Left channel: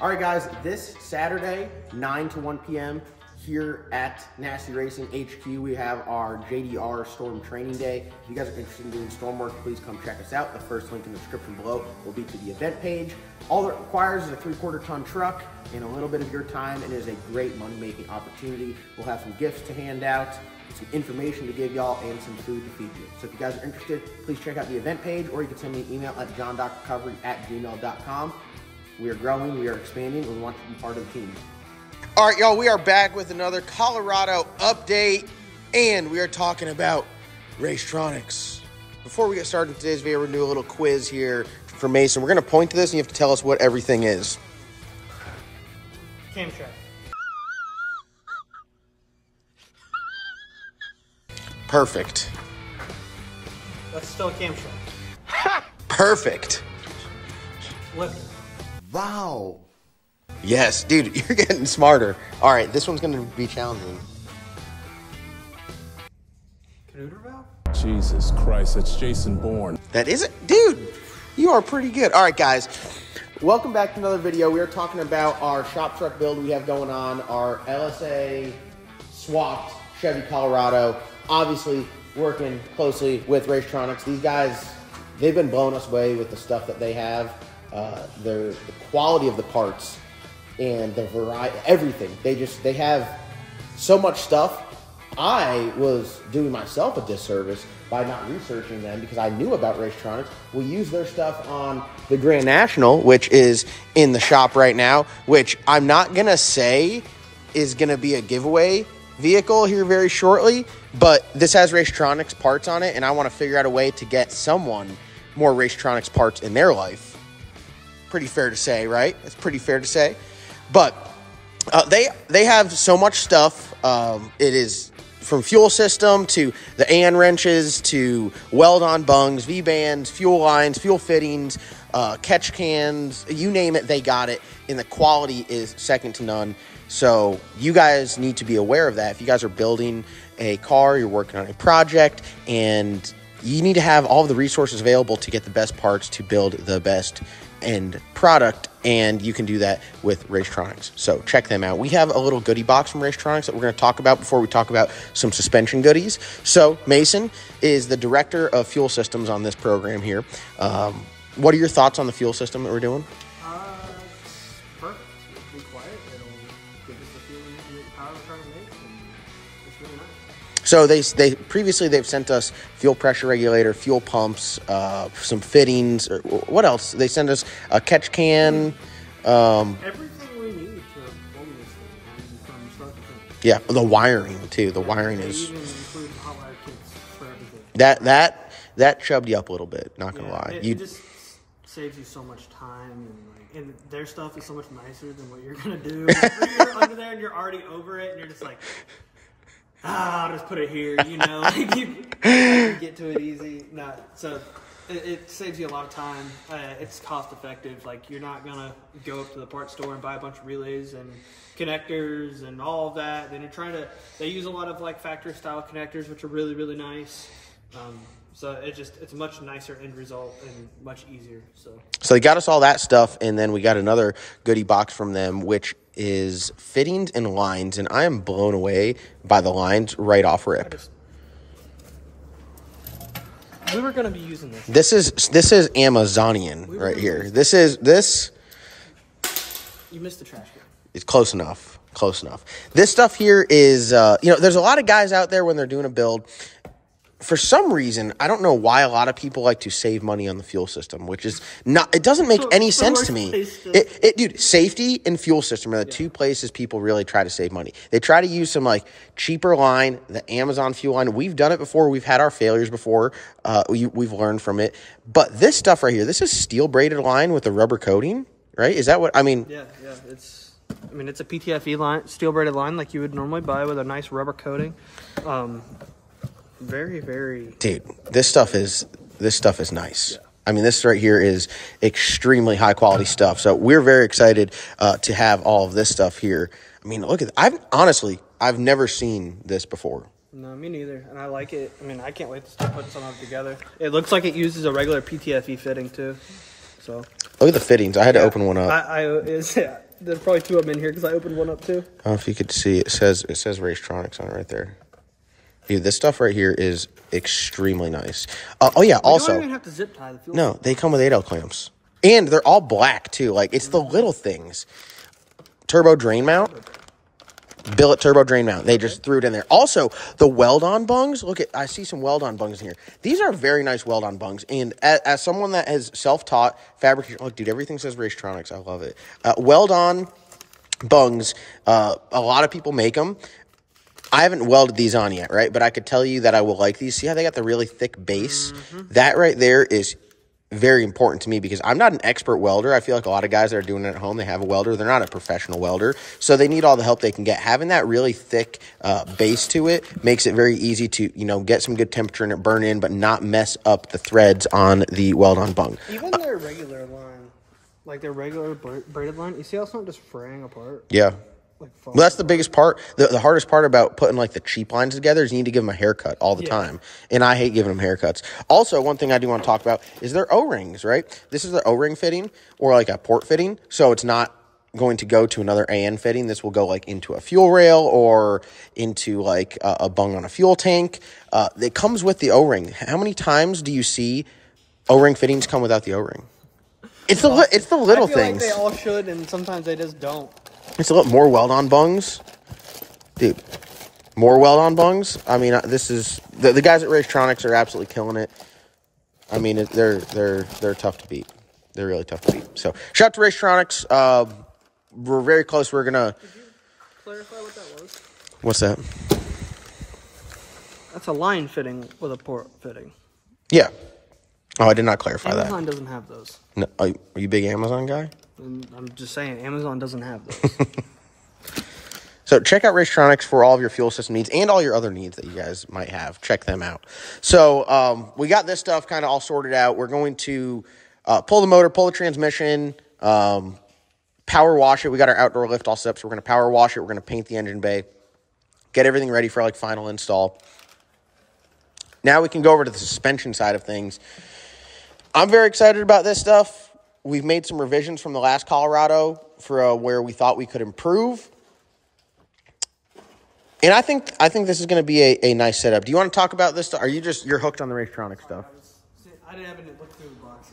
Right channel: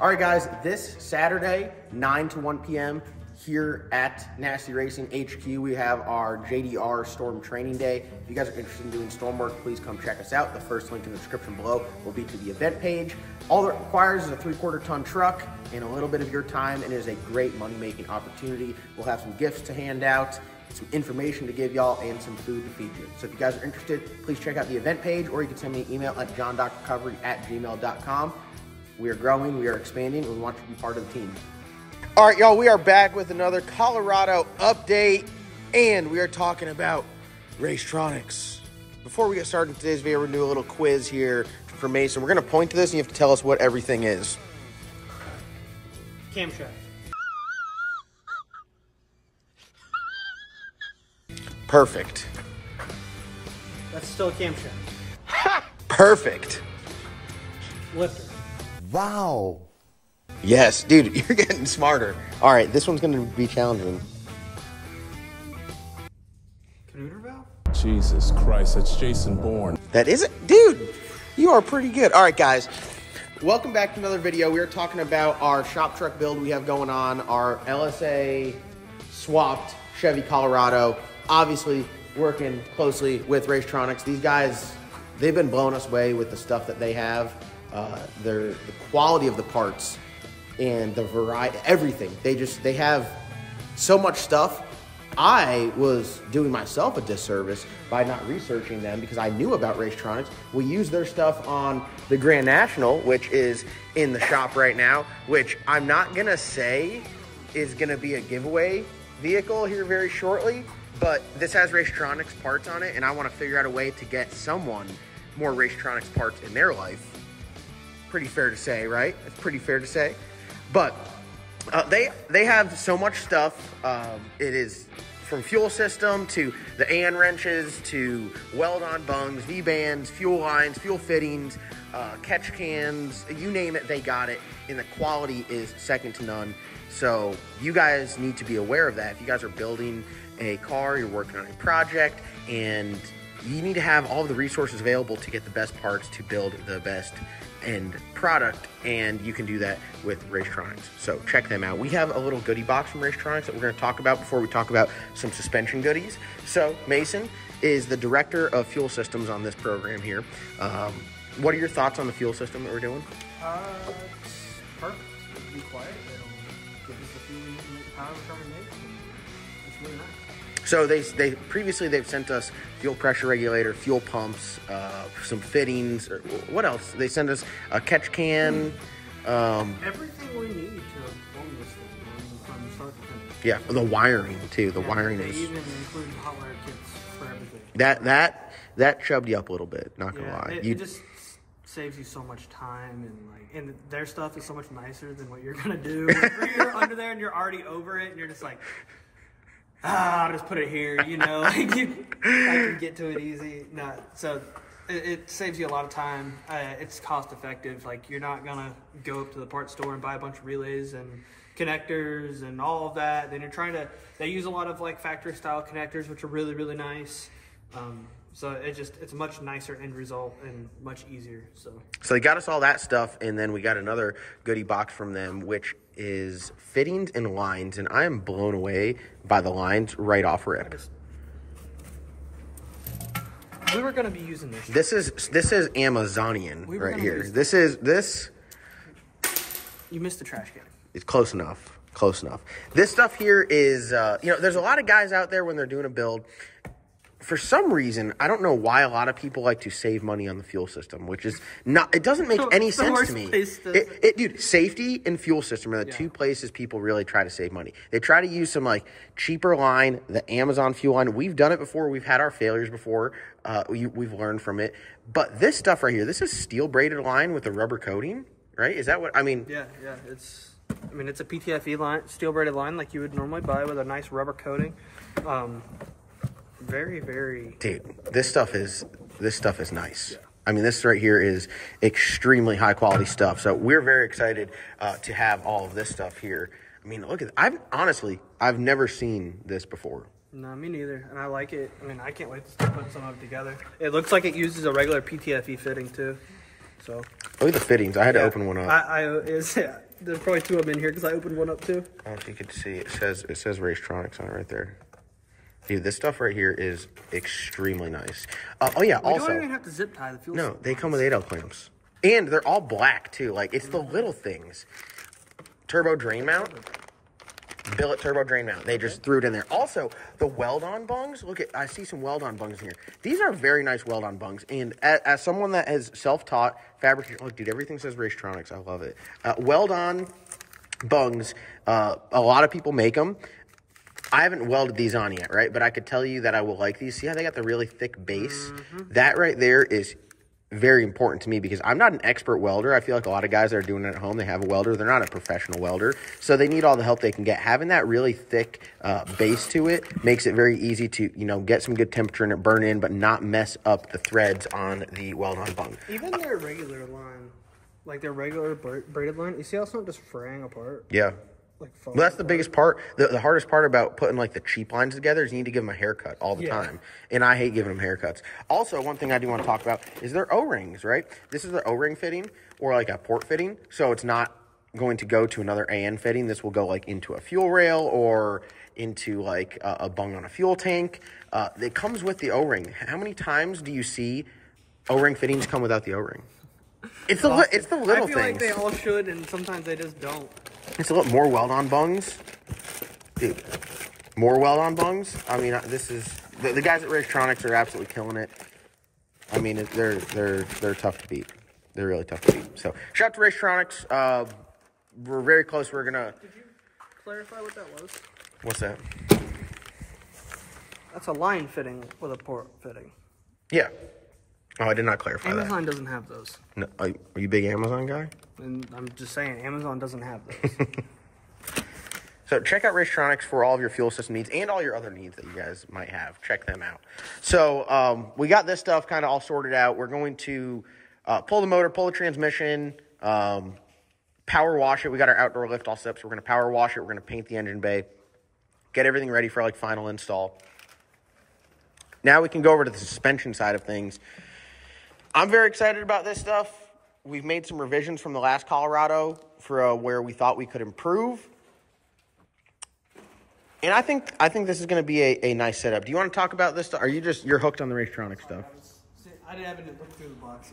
All right, guys, this Saturday, 9 to 1 p.m., here at Nasty Racing HQ, we have our JDR Storm Training Day. If you guys are interested in doing storm work, please come check us out. The first link in the description below will be to the event page. All it requires is a 3/4 ton truck and a little bit of your time, and it is a great money-making opportunity. We'll have some gifts to hand out, some information to give y'all, and some food to feed you. So if you guys are interested, please check out the event page, or you can send me an email at johndocrecovery@gmail.com. We are growing, we are expanding, and we want you to be part of the team. All right, y'all, we are back with another Colorado update, and we are talking about Racetronics. Before we get started in today's video, we're going to do a little quiz here for Mason. We're going to point to this, and you have to tell us what everything is. Camshaft. Perfect. That's still camshaft. Perfect. Lifter. Wow. Yes, dude, you're getting smarter. All right, this one's going to be challenging. Canoodler valve? Jesus Christ, that's Jason Bourne. That isn't, dude, you are pretty good. All right, guys, welcome back to another video. We are talking about our shop truck build we have going on, our LSA swapped Chevy Colorado. Obviously, working closely with Racetronics. These guys, they've been blowing us away with the stuff that they have. The quality of the parts and the variety, everything. They have so much stuff. I was doing myself a disservice by not researching them because I knew about Racetronics. We use their stuff on the Grand National, which is in the shop right now, which I'm not gonna say is gonna be a giveaway vehicle here very shortly, but this has Racetronics parts on it, and I want to figure out a way to get someone more Racetronics parts in their life. Pretty fair to say, right? It's pretty fair to say. But they have so much stuff. It is from fuel system to the AN wrenches to weld-on bungs, V-bands, fuel lines, fuel fittings, catch cans, you name it, they got it. And the quality is second to none. So you guys need to be aware of that. If you guys are building a car, you're working on a project, and you need to have all of the resources available to get the best parts to build the best end product, and you can do that with Racetronics. So check them out. We have a little goodie box from Racetronics that we're going to talk about before we talk about some suspension goodies. So Mason is the director of fuel systems on this program here. What are your thoughts on the fuel system that we're doing? Perfect. It'll be quiet. It'll give us the fuel and power we're trying to make. And it's really nice. So they previously they've sent us fuel pressure regulator, fuel pumps, some fittings. What else? They sent us a catch can. Everything we need to run this thing from start to finish. Yeah, the wiring too. The wiring They is even include hot wire kits for everything. that chubbed you up a little bit. Not gonna lie. It just saves you so much time, and their stuff is so much nicer than what you're gonna do. You're under there and you're already over it, and you're just like, I'll just put it here, you know, like I can get to it easy. No, so it saves you a lot of time. It's cost effective. Like, you're not gonna go up to the parts store and buy a bunch of relays and connectors and all of that. Then they use a lot of like factory style connectors, which are really, really nice. So it's a much nicer end result and much easier. So they got us all that stuff, and then we got another goodie box from them, which is fittings and lines, and I am blown away by the lines right off rip. We were going to be using this. This is Amazonian right here. This. You missed the trash can. It's close enough. Close enough. This stuff here is, there's a lot of guys out there when they're doing a build. For some reason, I don't know why a lot of people like to save money on the fuel system, which is not, it doesn't make any sense to me. Dude, safety and fuel system are the two places people really try to save money. They try to use some like cheaper line, the Amazon fuel line. We've done it before. We've had our failures before. We've learned from it. But this stuff right here, this is steel braided line with a rubber coating, right? Is that what, I mean? Yeah, it's a PTFE line, steel braided line like you would normally buy with a nice rubber coating. Very, very. Dude, this stuff is nice. Yeah. I mean, this right here is extremely high quality stuff. So we're very excited to have all of this stuff here. I mean, look at that. I've never seen this before. No, me neither. And I like it. I mean, I can't wait to start putting something together. It looks like it uses a regular PTFE fitting too. So look at the fittings. I had to open one up. There's probably two of them in here because I opened one up too. Oh, if you could see, it says Racetronics on it right there. Dude, this stuff right here is extremely nice. Oh yeah, also. You don't even have to zip tie the fuel. No, they come with 8L clamps, and they're all black too. Like it's the little things. Turbo drain mount. Billet turbo drain mount. They just threw it in there. Also, the weld-on bungs. Look at, I see some weld-on bungs in here. These are very nice weld-on bungs. And as someone that has self-taught fabrication, look, dude, everything says Racetronics. I love it. Weld-on bungs. A lot of people make them. I haven't welded these on yet, right? But I could tell you that I will like these. See how they got the really thick base? That right there is very important to me because I'm not an expert welder. I feel like a lot of guys that are doing it at home, they have a welder. They're not a professional welder, so they need all the help they can get. Having that really thick base to it makes it very easy to, get some good temperature in it, burn in, but not mess up the threads on the weld-on bung. Even their regular line, like their regular braided line, you see how it's not just fraying apart? Yeah. Well, that's the biggest part. The hardest part about putting, like, the cheap lines together is you need to give them a haircut all the time. And I hate giving them haircuts. Also, one thing I do want to talk about is their O-rings, right? This is the O-ring fitting or, like, a port fitting. So it's not going to go to another AN fitting. This will go, like, into a fuel rail or into, like, a bung on a fuel tank. It comes with the O-ring. How many times do you see O-ring fittings come without the O-ring? It's the little things. Like they all should, and sometimes they just don't. It's a little more weld-on bungs. Dude, more weld-on bungs. I mean, this is... The guys at Racetronics are absolutely killing it. I mean, they're tough to beat. They're really tough to beat. So, shout out to Racetronics. We're very close. We're going to... Could you clarify what that was? What's that? That's a line fitting with a port fitting. Yeah. Oh, I did not clarify that. Amazon doesn't have those. No, are you a big Amazon guy? And I'm just saying, Amazon doesn't have those. So check out Racetronics for all of your fuel system needs and all your other needs that you guys might have. Check them out. So we got this stuff kind of all sorted out. We're going to pull the motor, pull the transmission, power wash it. We got our outdoor lift all set up, so we're going to power wash it. We're going to paint the engine bay, get everything ready for, like, final install. Now we can go over to the suspension side of things. I'm very excited about this stuff. We've made some revisions from the last Colorado for where we thought we could improve. And I think this is going to be a nice setup. Do you want to talk about this stuff? Are you you're hooked on the Racetronics stuff? I didn't have look through the box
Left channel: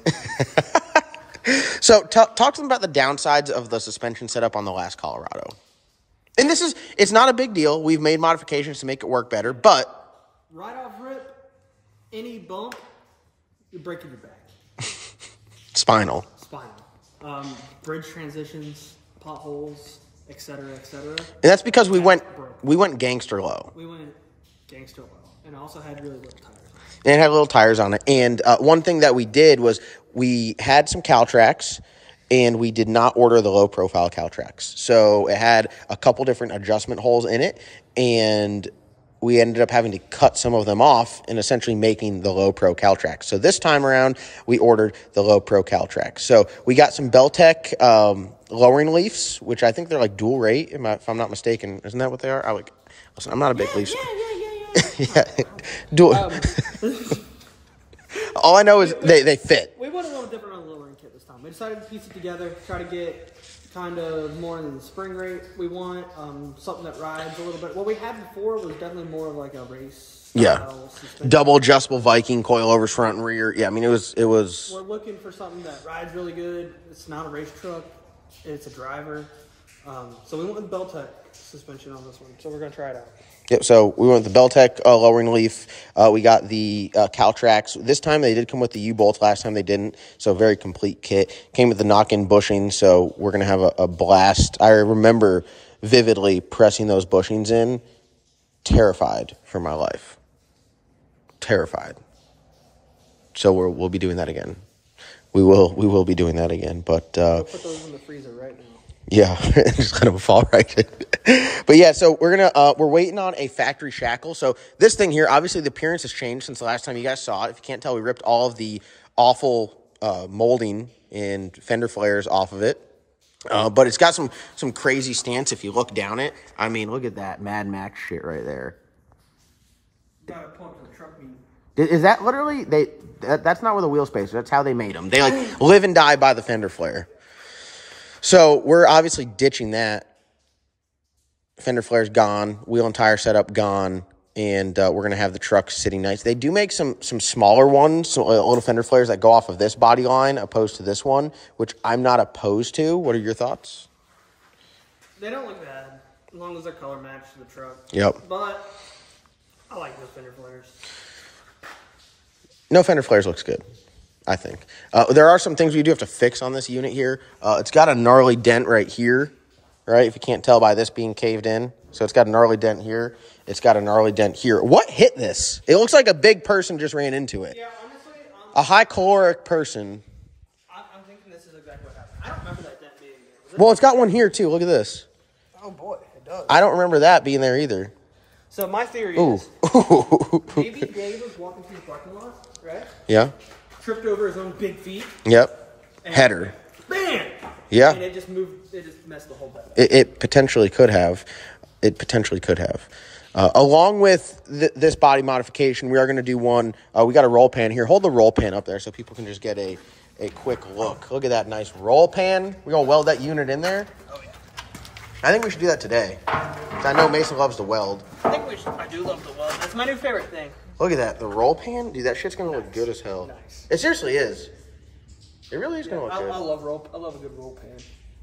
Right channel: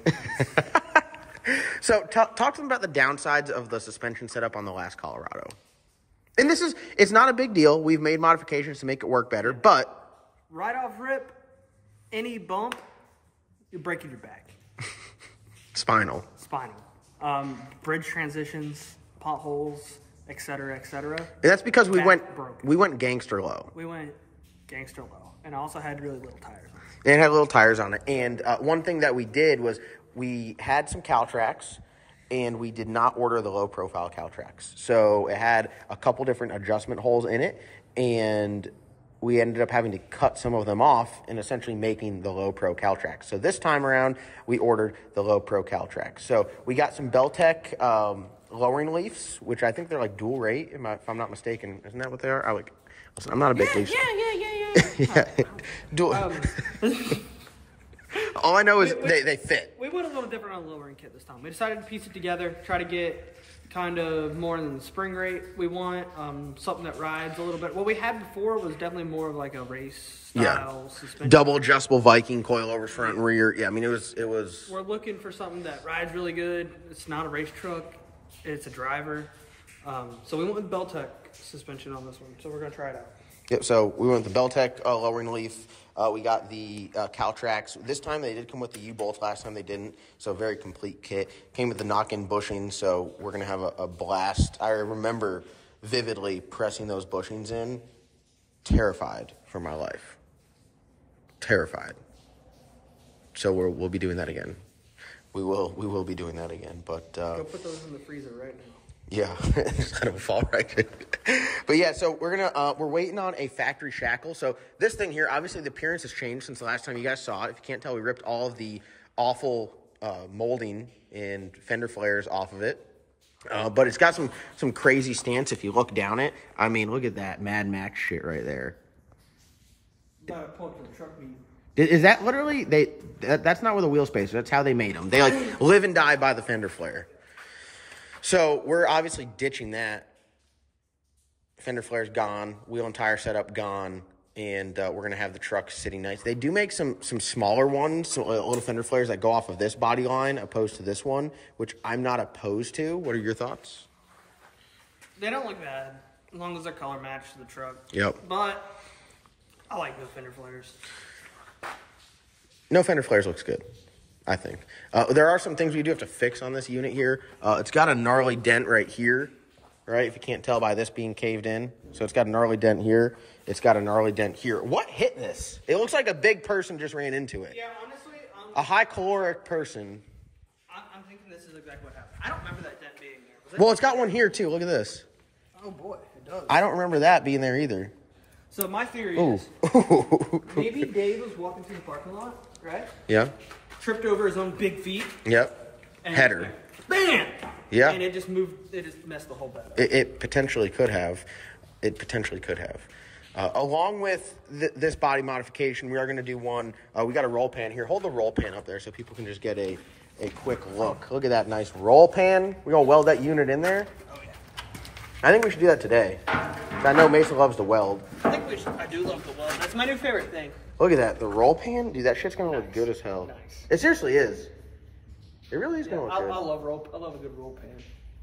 yet. So talk to them about the downsides of the suspension setup on the last Colorado. And it's not a big deal. We've made modifications to make it work better, but... Right off rip, any bump, you're breaking your back. Spinal. Bridge transitions, potholes, etc., etc. And that's because we went gangster low. We went gangster low, and I also had really little tires. And it had little tires on it. And one thing that we did was we had some Caltracs, and we did not order the low profile Caltracs. So it had a couple different adjustment holes in it, and we ended up having to cut some of them off and essentially making the low pro Caltracs. So this time around, we ordered the low pro Caltracs. So we got some Beltec lowering leafs, which I think they're like dual rate, if I'm not mistaken. Isn't that what they are? Listen, I'm not a big leaf. Yeah. Dual. All I know is they fit. We went a little different on the lowering kit this time. We decided to piece it together, try to get kind of more than the spring rate we want, something that rides a little bit. What we had before was definitely more of like a race style suspension. Double adjustable Viking coilovers front and rear. Yeah, I mean it was. We're looking for something that rides really good. It's not a race truck. It's a driver. So we went with Beltec suspension on this one. So we're gonna try it out. Yep, so we went with the Beltec lowering leaf. We got the Caltracs. This time they did come with the U-bolts. Last time they didn't, so very complete kit. Came with the knock-in bushings, so we're going to have a blast. I remember vividly pressing those bushings in, terrified for my life. Terrified. So we'll be doing that again. We will be doing that again, but... We'll put those in the freezer right now. Yeah, just kind of fall right in. But yeah, so we're waiting on a factory shackle. So this thing here, obviously the appearance has changed since the last time you guys saw it. If you can't tell, we ripped all of the awful molding and fender flares off of it. But it's got some crazy stance if you look down it. I mean, look at that Mad Max shit right there. Gotta pull up to the truck meet. Is that literally that's not where the wheel space is. That's how they made them. They like live and die by the fender flare. So we're obviously ditching that. Fender flare's gone. Wheel and tire setup gone. And we're going to have the truck sitting nice. They do make some smaller ones, some little fender flares that go off of this body line opposed to this one, which I'm not opposed to. What are your thoughts? They don't look bad, as long as they're color matched to the truck. Yep. But I like no fender flares. No fender flares looks good, I think. There are some things we do have to fix on this unit here. It's got a gnarly dent right here, right? If you can't tell by this being caved in. So it's got a gnarly dent here. It's got a gnarly dent here. What hit this? It looks like a big person just ran into it. Yeah, honestly. A high caloric person. I'm thinking this is exactly what happened. I don't remember that dent being there. Well, it's got one here, too. Look at this. Oh, boy, it does. I don't remember that being there either. So my theory Ooh. is maybe Dave was walking through the parking lot, right? Yeah. Tripped over his own big feet. Yep. And Header. Bam! Yeah. And it just moved, it just messed the whole bed up. It potentially could have. It potentially could have. Along with this body modification, we are going to do one. We got a roll pan here. Hold the roll pan up there so people can just get a quick look. Look at that nice roll pan. We're going to weld that unit in there. Oh, yeah. I think we should do that today. I know Mason loves to weld. I think we should. I do love the weld. That's my new favorite thing. Look at that. The roll pan? Dude, that shit's going to look good as hell. Nice. It seriously is. It really is going to look good. I love a good roll pan.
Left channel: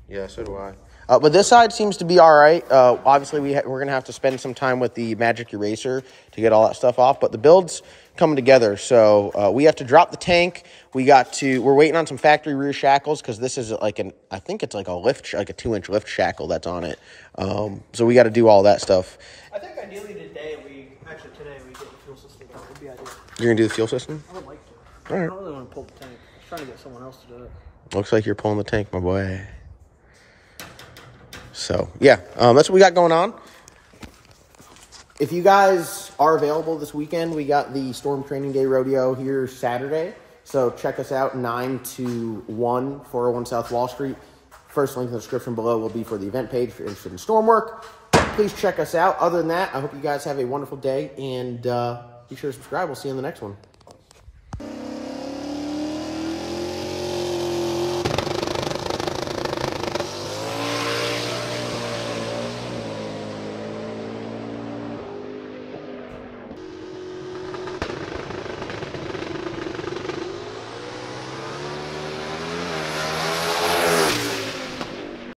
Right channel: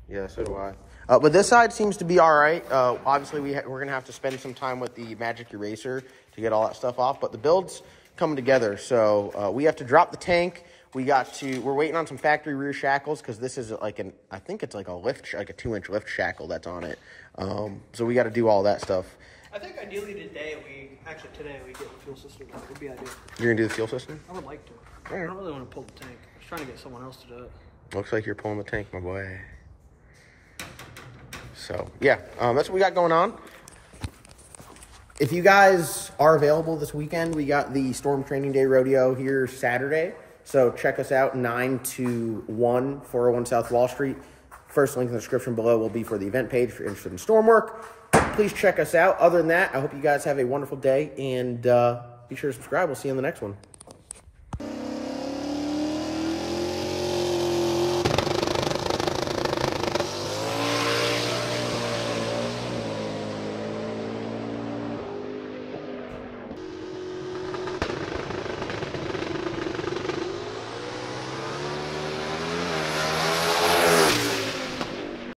Yeah, so do I. But this side seems to be all right. Obviously, we're going to have to spend some time with the Magic Eraser to get all that stuff off. But the build's coming together. So we have to drop the tank. We're waiting on some factory rear shackles because this is like I think it's like a lift, like a 2-inch lift shackle that's on it. So we got to do all that stuff. I think ideally today we get the fuel system done. Would be ideal. You're going to do the fuel system? I would like to. All right. I don't really want to pull the tank. I was trying to get someone else to do it. Looks like you're pulling the tank, my boy. So, yeah, that's what we got going on. If you guys are available this weekend, we got the Storm Training Day Rodeo here Saturday. So check us out, 9 to 1, 401 South Wall Street. First link in the description below will be for the event page if you're interested in storm work. Please check us out. Other than that, I hope you guys have a wonderful day, and be sure to subscribe. We'll see you in the next one.